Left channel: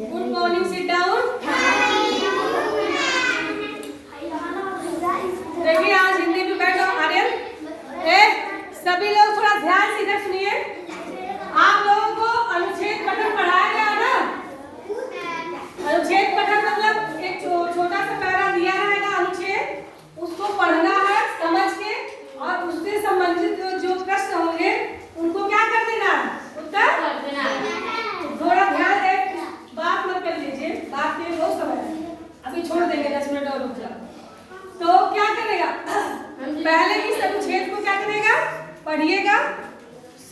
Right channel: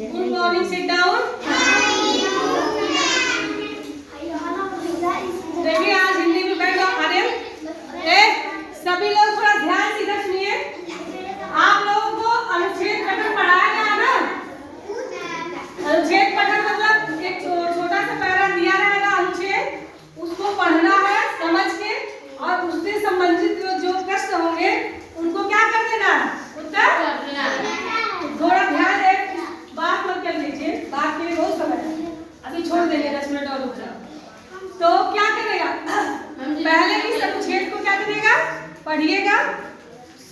Good morning, sit down. देखिए आज हिंदी में बैठ जाओ। आर्यन, सभी लोग थोड़ा ध्यान से इधर सुनिए। आप लोगों को अनुच्छेद पठन पढ़ाया गया ना? अनुच्छेद पठन मतलब एक छोटा सा पैरा दिया रहेगा अनुच्छेद, उसको पढ़ना है समझ के, और उससे संबंधित जो प्रश्न होंगे उनको क्या कर देना है, उत्तर थोड़ा ध्यान दे, बात मत कर लीजिए, बात के लिए बहुत समय है, अभी छोड़ देंगे 10 मिनट और रुक जाओ। तो क्या करेगा, पहले इस अनुच्छेद को क्या करेगा, पढ़िएगा,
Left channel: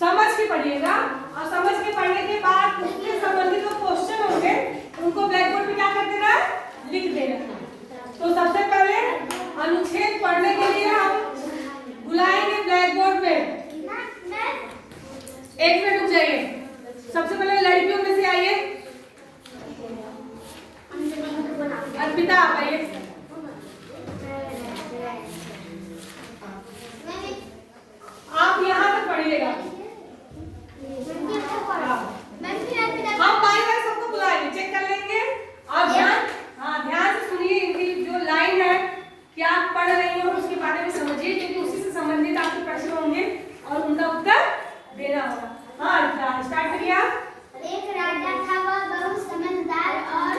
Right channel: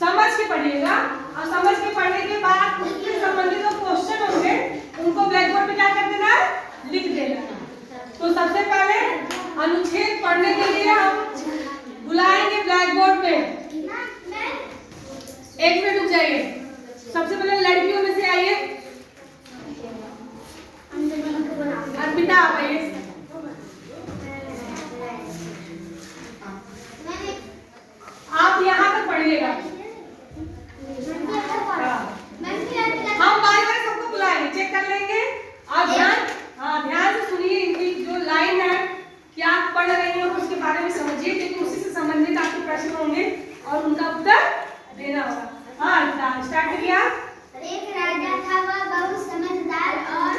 समझ के पढ़िएगा, और समझ के पढ़ने के बाद उससे संबंधित जो क्वेश्चन होंगे उनको ब्लैक बोर्ड पे क्या कर देना है, लिख देना। तो सबसे पहले अनुच्छेद पढ़ने के लिए हम बुलाएंगे ब्लैक बोर्ड पे। एक मिनट रुक जाइए। सबसे पहले लड़कियों में से आइए, अर्पिता आप आइए। आप यहाँ पर पढ़िएगा, हम बारी बारी सबको बुलाएंगे, चेक कर लेंगे, और ध्यान से सुनिए। इनकी जो लाइन है क्या आप पढ़ रही हो उसके बारे में समझिए, क्योंकि उसी से संबंधित आपके प्रश्न होंगे और उनका उत्तर देना होगा। हाँ, स्टार्ट किया। एक राजा था, वह बहुत समझदार और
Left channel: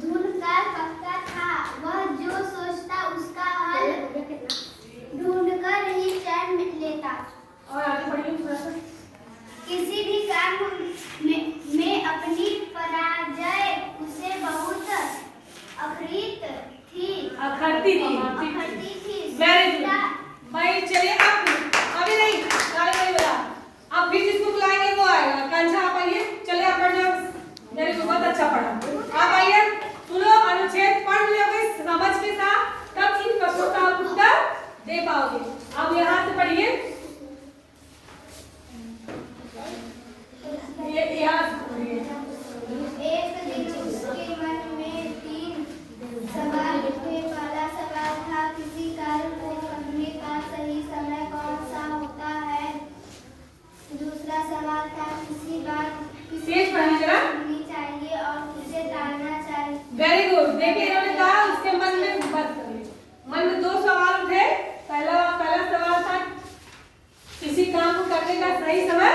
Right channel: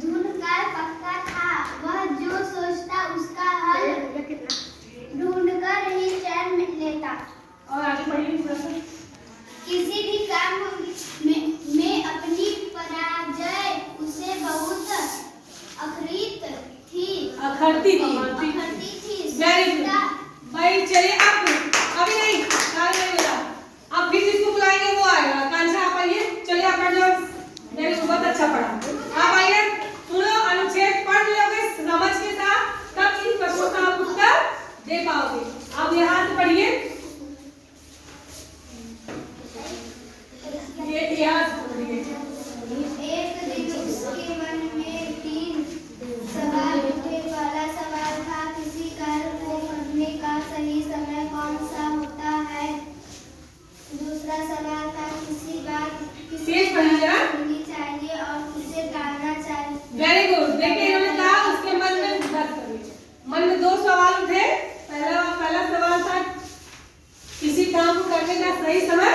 धुन कर पक्का था। वह जो सोचता उसका हल ढूंढकर ही चैन लेता। और आगे बढ़िए प्रश्न। किसी भी काम में अपनी पराजय उसे बहुत अखरती थी। वेरी गुड भाई। चलिए अब अभी नहीं, अब फिर जिसको बुलाएंगे वो आएगा। कांझा आप आइए, चलिए आप जो मेरे को बहुत अच्छा पढ़ा, आप आइए। सुनो, अनुच्छेद पढ़ लोगे समझ के साथ, तब इन प्रश्नों का आप उत्तर दे पाओगे। अब यहाँ से पढ़िए, ये यहाँ से पढ़िए। एक दिन उसके मन में 3 सवाल उठे। पहला सवाल था, किसी कार्य को करने का सही समय कौन सा होता है। दूसरा सवाल था, किसी बात करनी चाहिए और किसे टालना चाहिए। Very good. देखिए इन्होंने कहा उसके मन में बात करिए। मन में 2 सवाल उठे। पहला सवाल था, किसी काम को करने का सही समय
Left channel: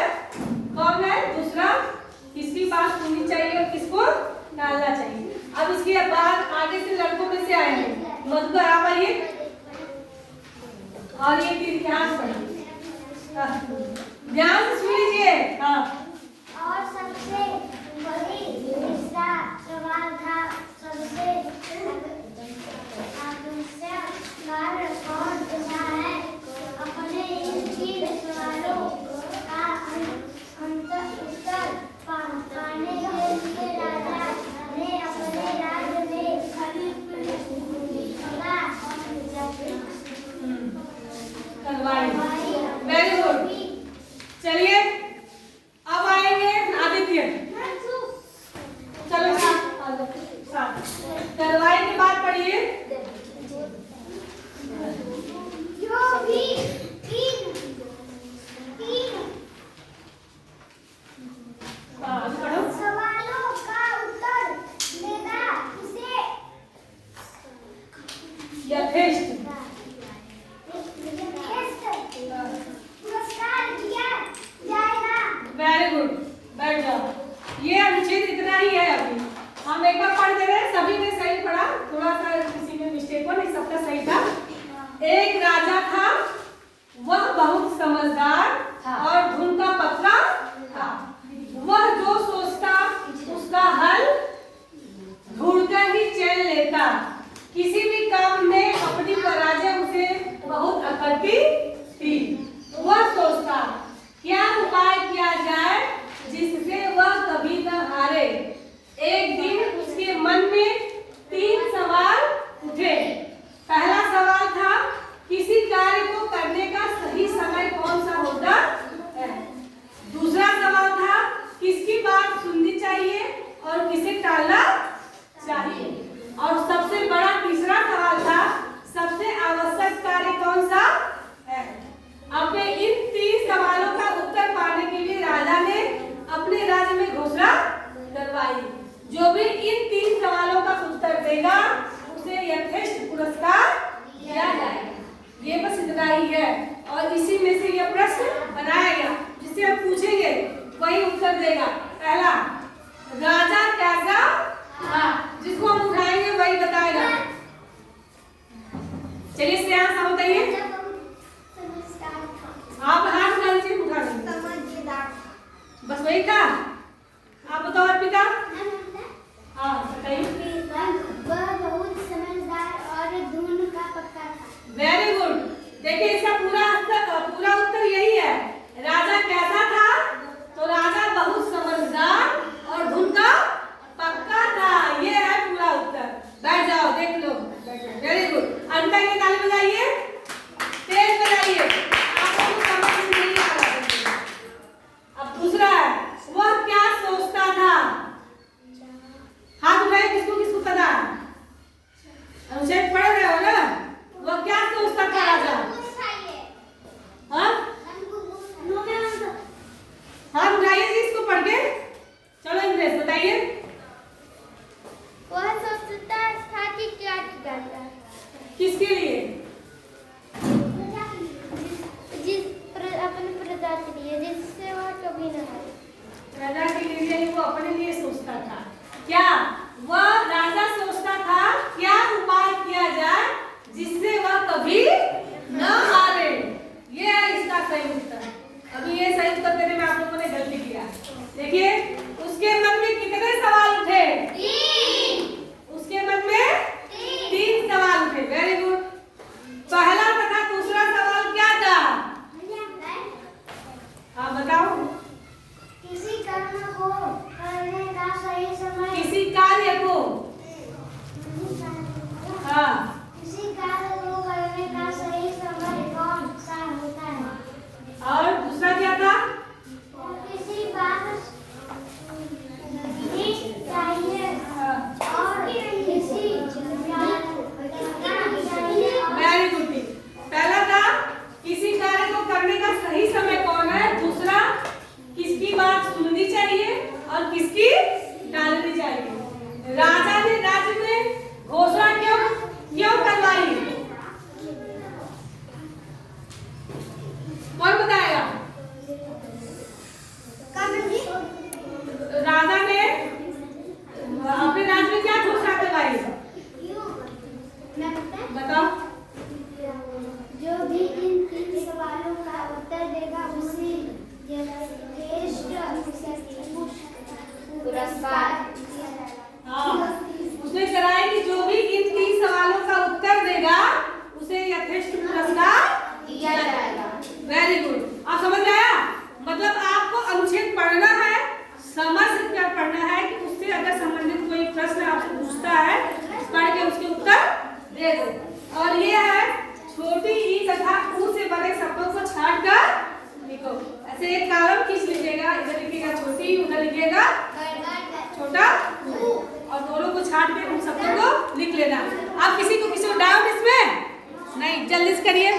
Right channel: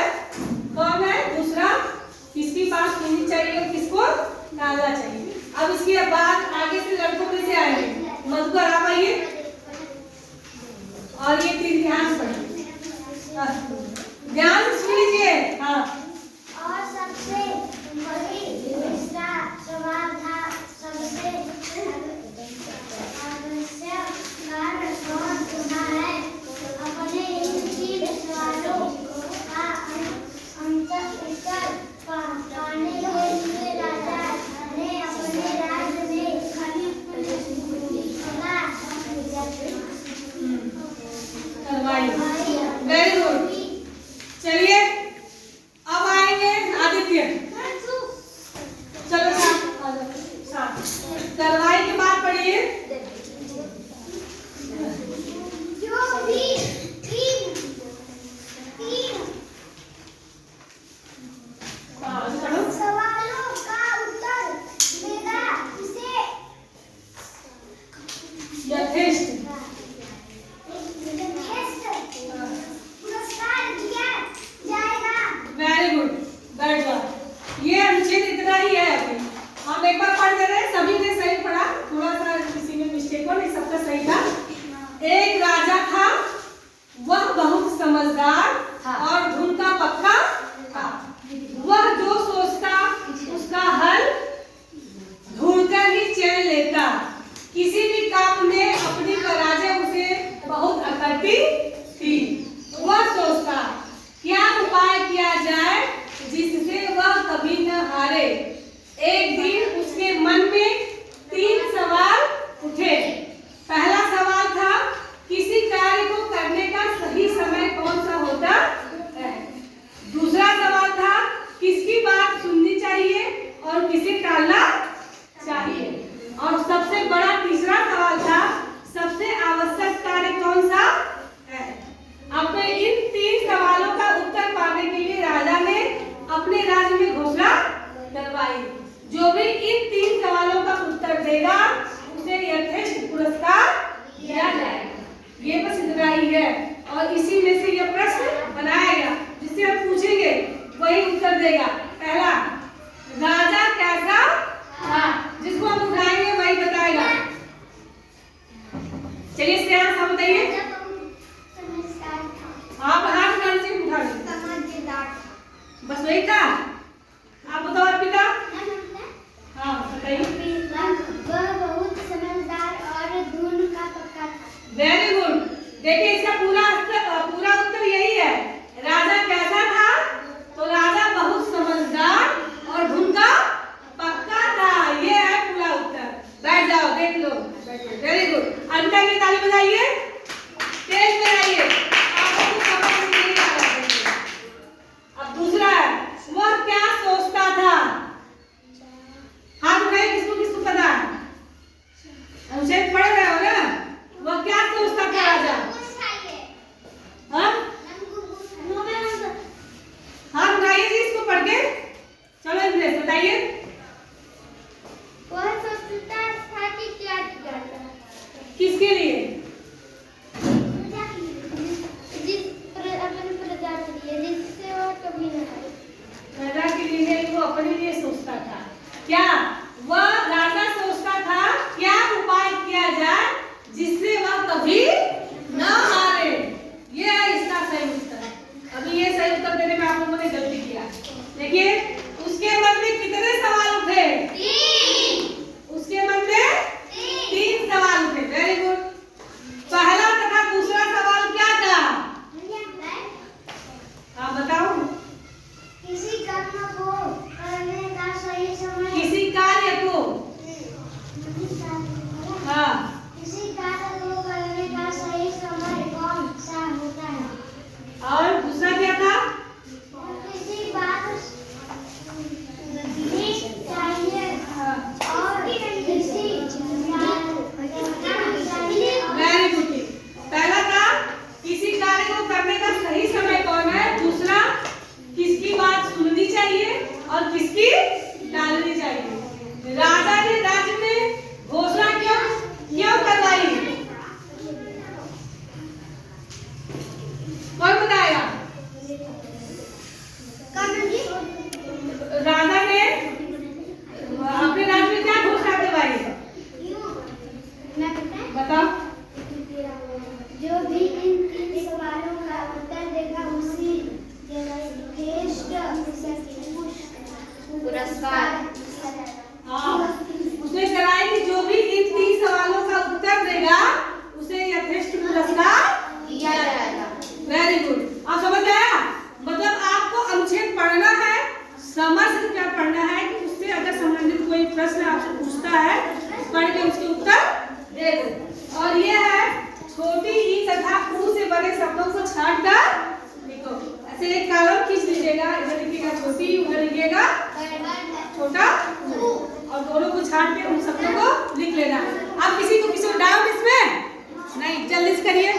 कौन है। दूसरा, किसकी बात सुननी चाहिए और किसको टालना चाहिए। अब इसके बाद आगे से लड़कों में से आएंगे। मधुकर आप आइए, और ये 3 ध्यान पढ़िए, ध्यान से सुन लीजिए। हाँ, और सबसे बड़ी दूसरा सवाल था, सबसे आवश्यक कार्य कौन सा है। अपने इन 3 सवालों का उत्तर पाने के लिए राजा ने अपने राज्य में वेरी गुड। चलिए अब आएंगे आदित्य। चलो करवाई के बाद पढ़िए। जो भी 3 सवालों का उत्तर देगा उसे यथेष्ट पुरस्कार दिया जाएगा। वेरी गुड, बैठ जाओ। ये अनुच्छेद इतना ही है। अभी हम एक बार पढ़ दे रहे हैं, सभी ने सही पढ़ा, थोड़ा सा किसी में मिस्टेक हो, नहीं सबका सही था। एक राजा था, वह बहुत समझदार और धुन का पक्का था। वह जो सोचता उसका हल ढूंढकर ही चैन लेता। किसी भी काम में अपनी पराजय उसे बहुत अखरती थी। वह सोचता क्या उपाय किया जाए जिससे वह कभी न हारे। एक दिन उसके मन में 3 सवाल उठे। पहला सवाल था, किसी कार्य को करने का सही समय कौन सा होता है। दूसरा सवाल था, किसकी बात सुननी चाहिए और किसे टालना चाहिए। और सबसे बड़ा तीसरा सवाल था, सबसे आवश्यक कार्य कौन सा है। अपने इन 3 सवालों का उत्तर पाने के लिए राजा ने अपने राज्य में घोषणा करवाई। जो भी इन 3 सवालों का उत्तर देगा उसे यथेष्ट पुरस्कार दिया जाएगा। ये बस इतना ही है और इसी में से यह प्रश्न बनाएगा जिससे हम पूछेंगे वही उत्तर देगा। पहला, राजा कैसा था, जिसको हम उठाएंगे वही बताएगा। चलिए श्रेया आप बताइए। आप हाथ डाल से उठा लीजिए। बस वही था। आप बताओ अर्पिता। हाँ बताइए। वह बहुत समझदार और धुन का पक्का था। Very good. देखिए इसका पूरा उत्तर यही है। राजा कैसा था, तो राजा बहुत समझदार और धुन का पक्का था। ये है पूरा उत्तर। बैठ जाओ, देख लो। Very good. अनिता की ताली बजाइए, तेज बजाइए। आपको समझ नहीं आ रहा है। अब दूसरा है, वह क्या सोचता था। हाथ उठाइए, किसको किसको पता है। अनुच्छेद पढ़ रहे हो ना। वह क्या सोचता था राजा। हाँ हाथ उठाइए जी इसको पढ़ के। चलो इंद्रेश बताइए। वह सोचता था कि क्या किया जाए। किसके लिए। अपनी प्रजा के लिए, जिससे वह कभी न हारे। प्रजा के लिए वो अपने लिए सोचता था। क्या वह राजा सोचता था क्या उपाय किया जाए जिससे वह कभी न हारे। ये है इसका सही उत्तर। अभी ये सही उत्तर देने में आप लोगों ने गलती किया। देखिए उसके मन में कितने सवाल उठे। 3। उसके मन में 3 सवाल उठे। Very good. पहला तथा दूसरा सवाल क्या था। हाँ बताओ। किसी कर्म को करने का सही समय। किसी कार्य को। हाँ किसी कार्य को करने का सही समय कौन सा होता है। और दूसरा क्या था। किसी बात भी चाहिए और किसी वेरी गुड। पहला था किसी कार्य को करने का सही समय कौन है। दूसरा किसकी बात सुननी चाहिए और किसकी टालनी चाहिए। राजा ने राज्य में घोषणा क्यों करवाई। कौन बताएगा। राजा ने अपने राज्य में क्या घोषणा करवाई। बताओ। जो भी इन 3 सवालों का उत्तर देगा उसी पुरस्कार। हाँ उसने कराया कि जो भी इन 3 सवालों का उत्तर देगा उसे यथेष्ट पुरस्कार दिया जाएगा। Very good. आप समझ आया। मतलब आपको अनुच्छेद पढ़ना है, समझ कर पढ़ना है कि उससे अगर संबंधित कोई प्रश्न आपसे पूछता है पढ़ के उसके उत्तर दे दो। और ये है छोटी ई तथा ऊ से बने शब्दों को छांट कर लिखो। ऐसे एक कॉलम खींच लीजिएगा। इधर लिखिएगा छोटी, उधर लिखिएगा छोटा और दोनों को छांट के उन शब्दों को लिख लेना। आप किसी को डाउट इसमें नहीं, जल्दी से करिए।